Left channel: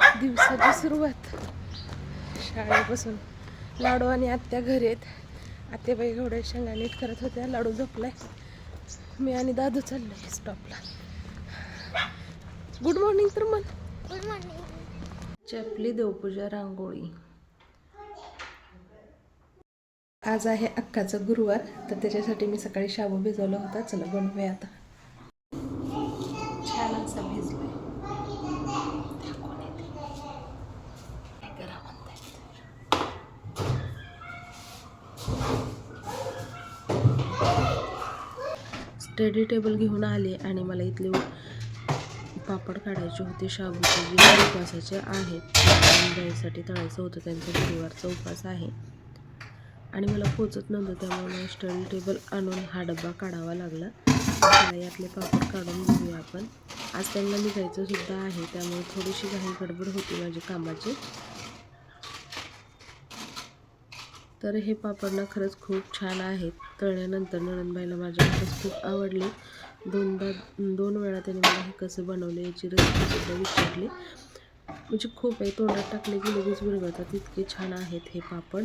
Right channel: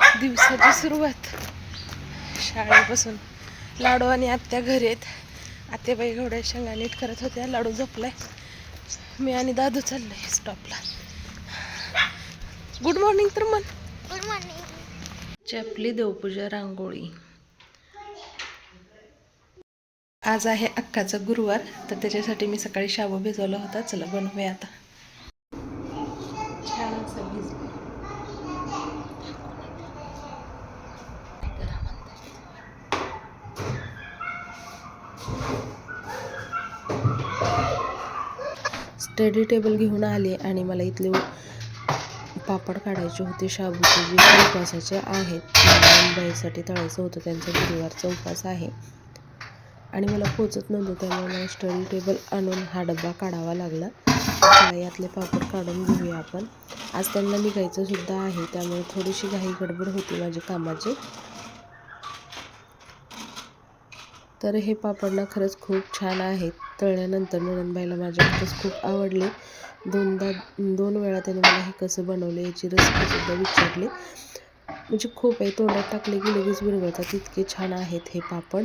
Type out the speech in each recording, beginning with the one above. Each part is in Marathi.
दिवसाची सुरुवात शाळेपासून. लाडू आणि आत्या घरी आहेत. आत्याबाई घोड्या शेंगा नीट करत होत्या. लाडू झोपलाय. मी आणि दादू चाललोय स्टॉपला. गुड मॉर्निंग तर म्हण. Good morning. चपली देवपूजा रांगोळी. आज आहे अक्काचा गुरुवार, तर त्याच्यासाठी मी सकाळी शाबू भिजवला होता. चला बनवूया आता. छान असा भिजला. स्टडी टेबल घेऊन आले आणि मला इथले पापड काढायचे होते. शाबूचे जे उपवासाचे आहेत, बाईसाठी तळायचं होतं. त्यांचा गुरुवारचा उपवास आहे आणि मला पोचत नव्हतं, त्यामुळे मला स्टडी टेबल आणून हा डब्बा काढावा लागला. चला यातले पापड काढून घेऊया आपण. आज त्यांना निघायचं सुद्धा आहे, त्यामुळे थोडीशी घाई गडबड होती माझी कामाची. तर हे पापड ना खरंच खूप छान आहेत. तळल्यानंतर नणंदबाईला माझ्या खरंच खूप आवडले. 2 वेळा त्याने मला हे कसं बनवले याची रेसिपीसुद्धा विचारली. म्हणजे खूप आहे, तोंडात टाकले की लगेच विरघळतात, इतके छान आहेत हे पापड.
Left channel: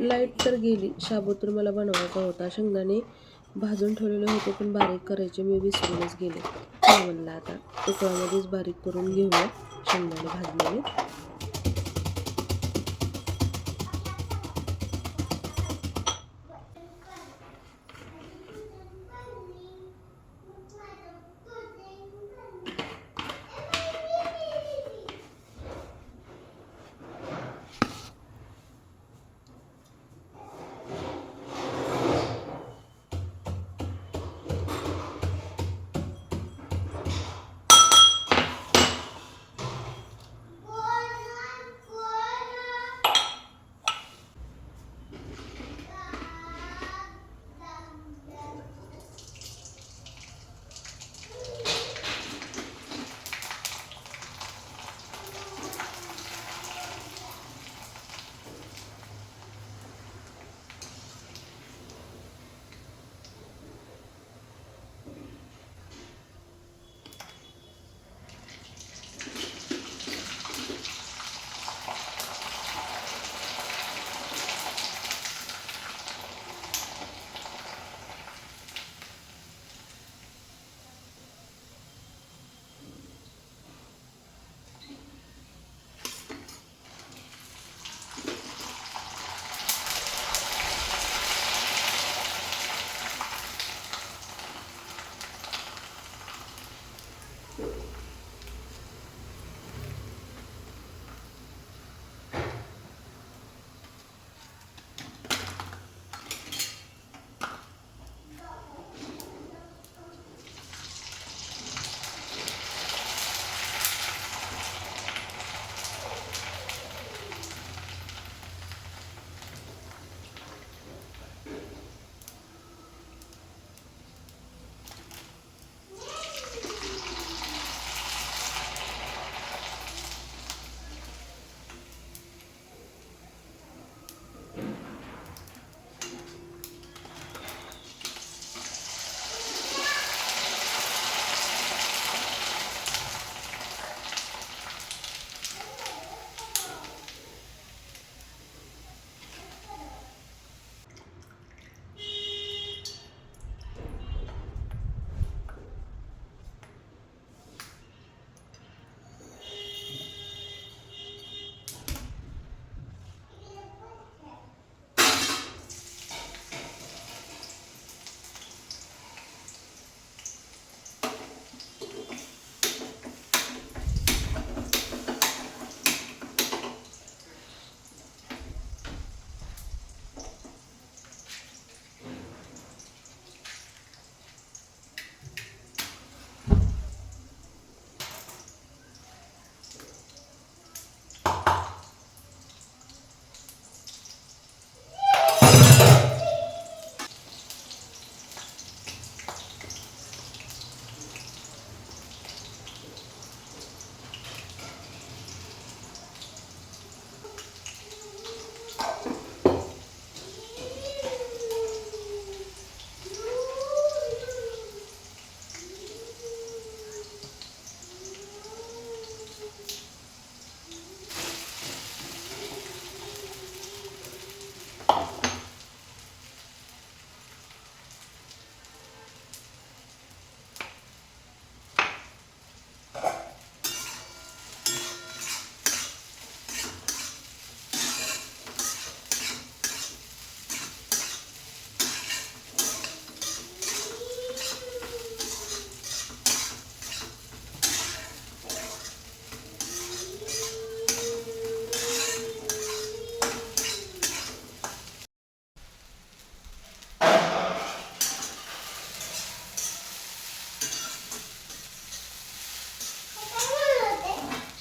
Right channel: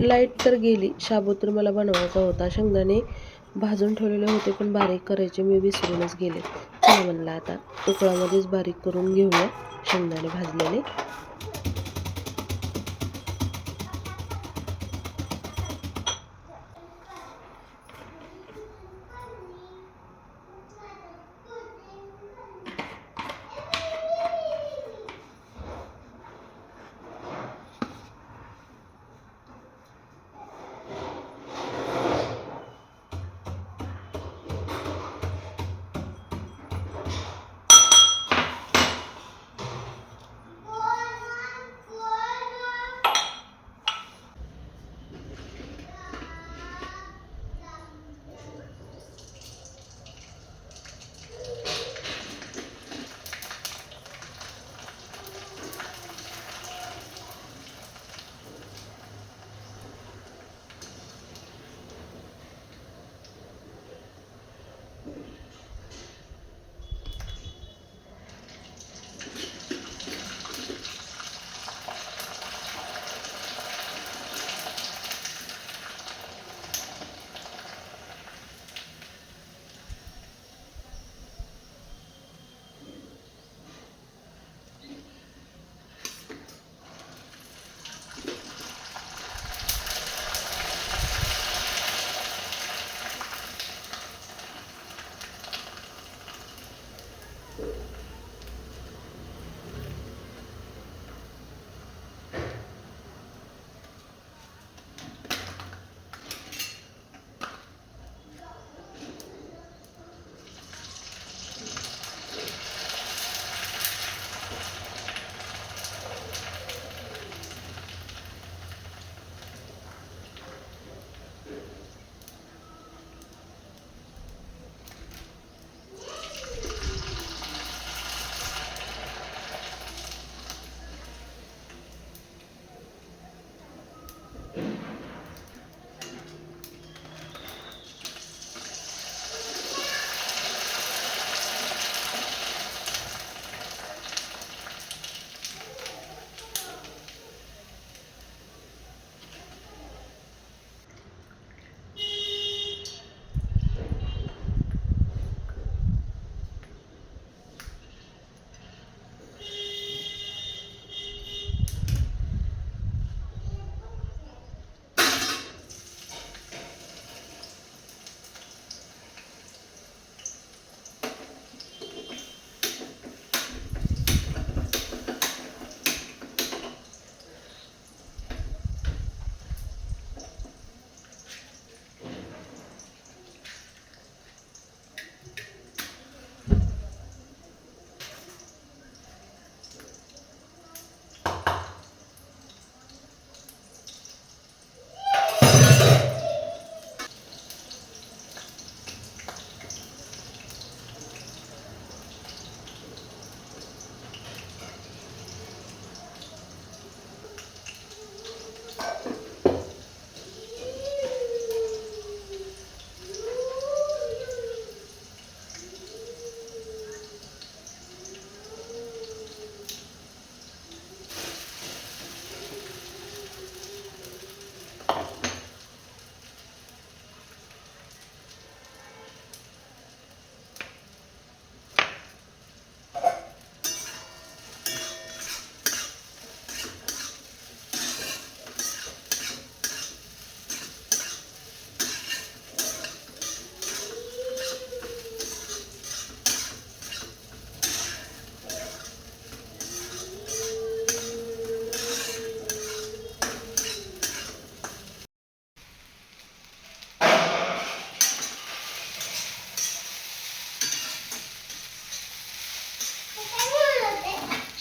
लाईट तर गेली. शाबू तर मला बनवायचा होता. शेंगदाणे भाजून ठेवलेले होते, पण बारीक करायचे मी विसरूनच गेले. चला म्हणलं आता उकळामध्येच बारीक करून घेऊया शेंगदाणे भाजलेले.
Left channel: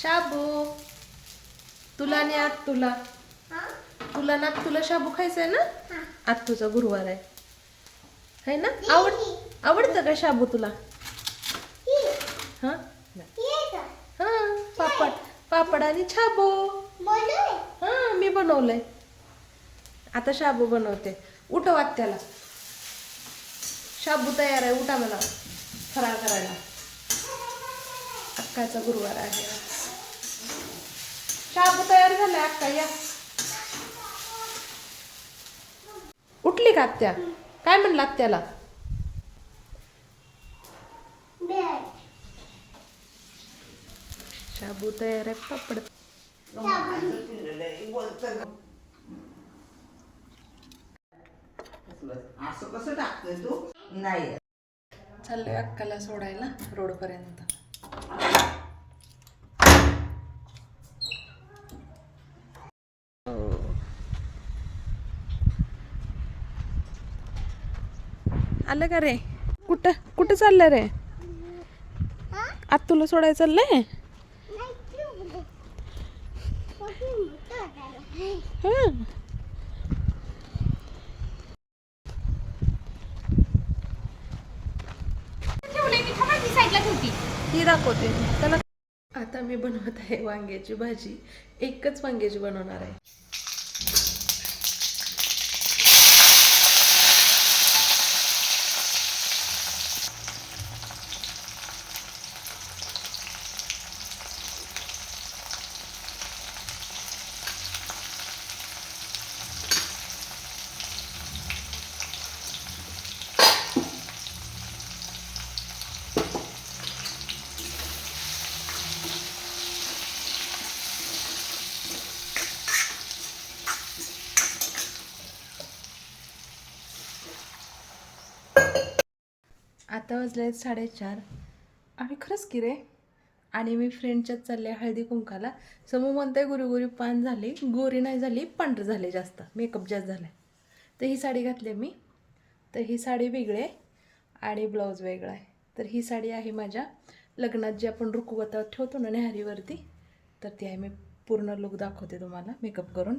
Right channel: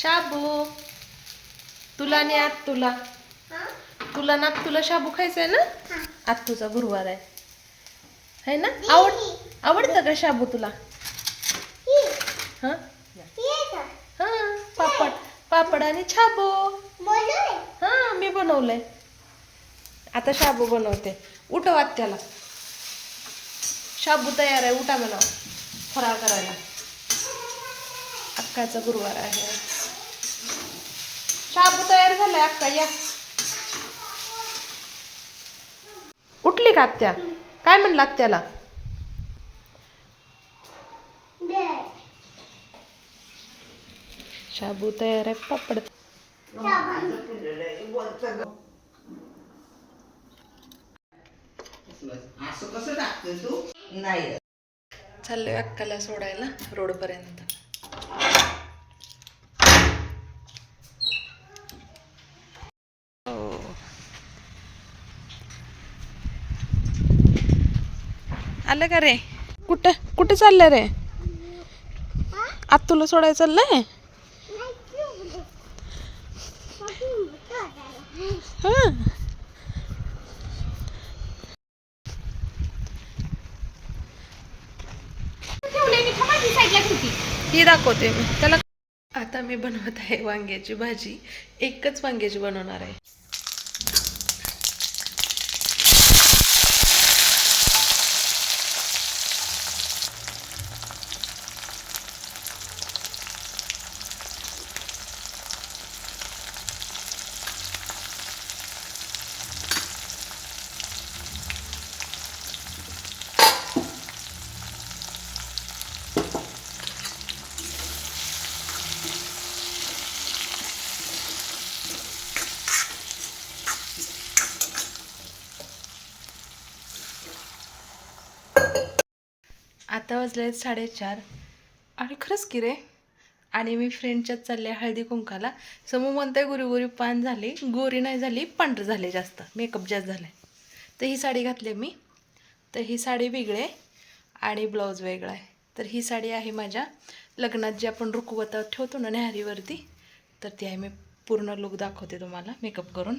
शाबू तुला आणि तुला तुला तुला शाबू खायचंय ना? आत्तूचा गुरुवार आहे ना? आवडतं का शाबू तुला? हा हा पापड आणि शाबू. हा मी बनवलंय. आता शाबू बनवते. उठव आत्याला. शाबू तयार आहे, उठा म्हणा फराळ करायला. अक्काचा गुरुवार आहे. शाबू तयार झालाय अक्का, या. उठली का आत्या? काय म्हणलं आत्याला? शाबू तयार आहे, पापड. असं कसं टाकतोय तू? नाही चाललोय अक्काला सोडायला रोडपर्यंत. आलं का रे? कुठं चाललंय रे? आत्तूला सोडायला चाललंय? हा ही दाखवते मी त्याला. आता मी बनवत आहे वांग्याची भाजी. एकच वांग्याची बनवणार आहे. आता वाजले 4:30 आणि खरंच की रे. आणि मी फ्रेंडच्यात चालले हळदी कुंकाला. समू म्हणते गोरी गोरी पान झाली, गोरी नाही झाली, पांढरं झाले, जास्त मेकअप जास्त झाला. तर ही साडी घातली मी. तर ही साडी वेगळी आहे आणि ब्लाऊज वेगळा आहे. तर ही साडी आहे माझ्या लग्नात जी आपण रुखवतात ठेवतो ना न्याहारीवरती, तर ती आहे. मी पूर्ण लुक दाखवते तुम्हाला मेकअप करून.